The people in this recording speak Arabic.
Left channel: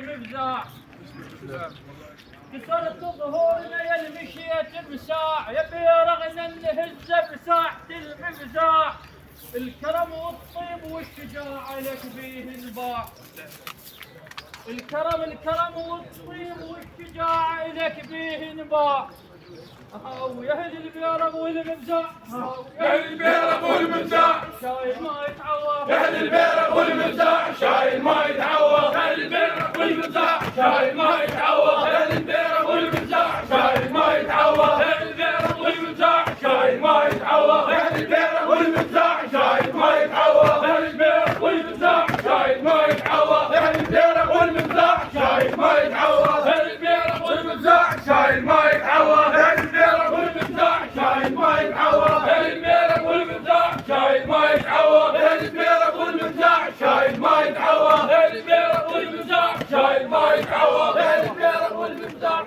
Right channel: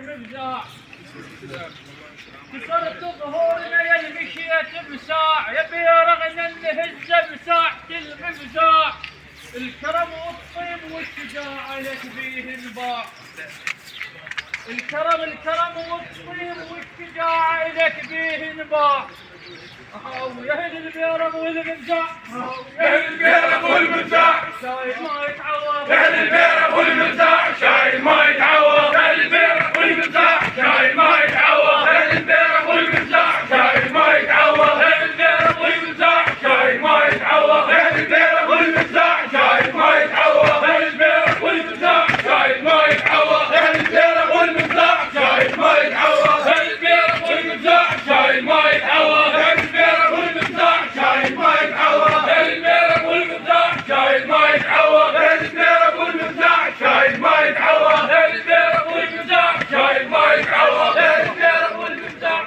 المفزاع كسرت ظهورنا يا المشية بساع يا بيرغنا نهز بساعة المفزاع الكرم والطيب والشجاعة لك بيه انباع الكرم والطيب والشجاعة لك بيه انباع يا اهل البيرم والمفزاع يا اهل البيرم والمفزاع شايل ما يتعوض يا اهل البيرم والمفزاع شايل ما يتعوض يا اهل البيرم والمفزاع شايل ما يتعوض يا اهل البيرم والمفزاع شايل ما يتعوض يا اهل البيرم والمفزاع شايل ما يتعوض يا اهل البيرم والمفزاع شايل ما يتعوض يا اهل البيرم والمفزاع شايل ما يتعوض يا اهل البيرم والمفزاع شايل ما يتعوض يا اهل البيرم والمفزاع شايل ما يتعوض يا اهل البيرم والمفزاع شايل ما يتعوض يا اهل البيرم والمفزاع شايل ما يتعوض يا اهل البيرم والمفزاع شايل ما يتعوض يا اهل البيرم والمفزاع شايل ما يتعوض يا اهل البيرم والمفزاع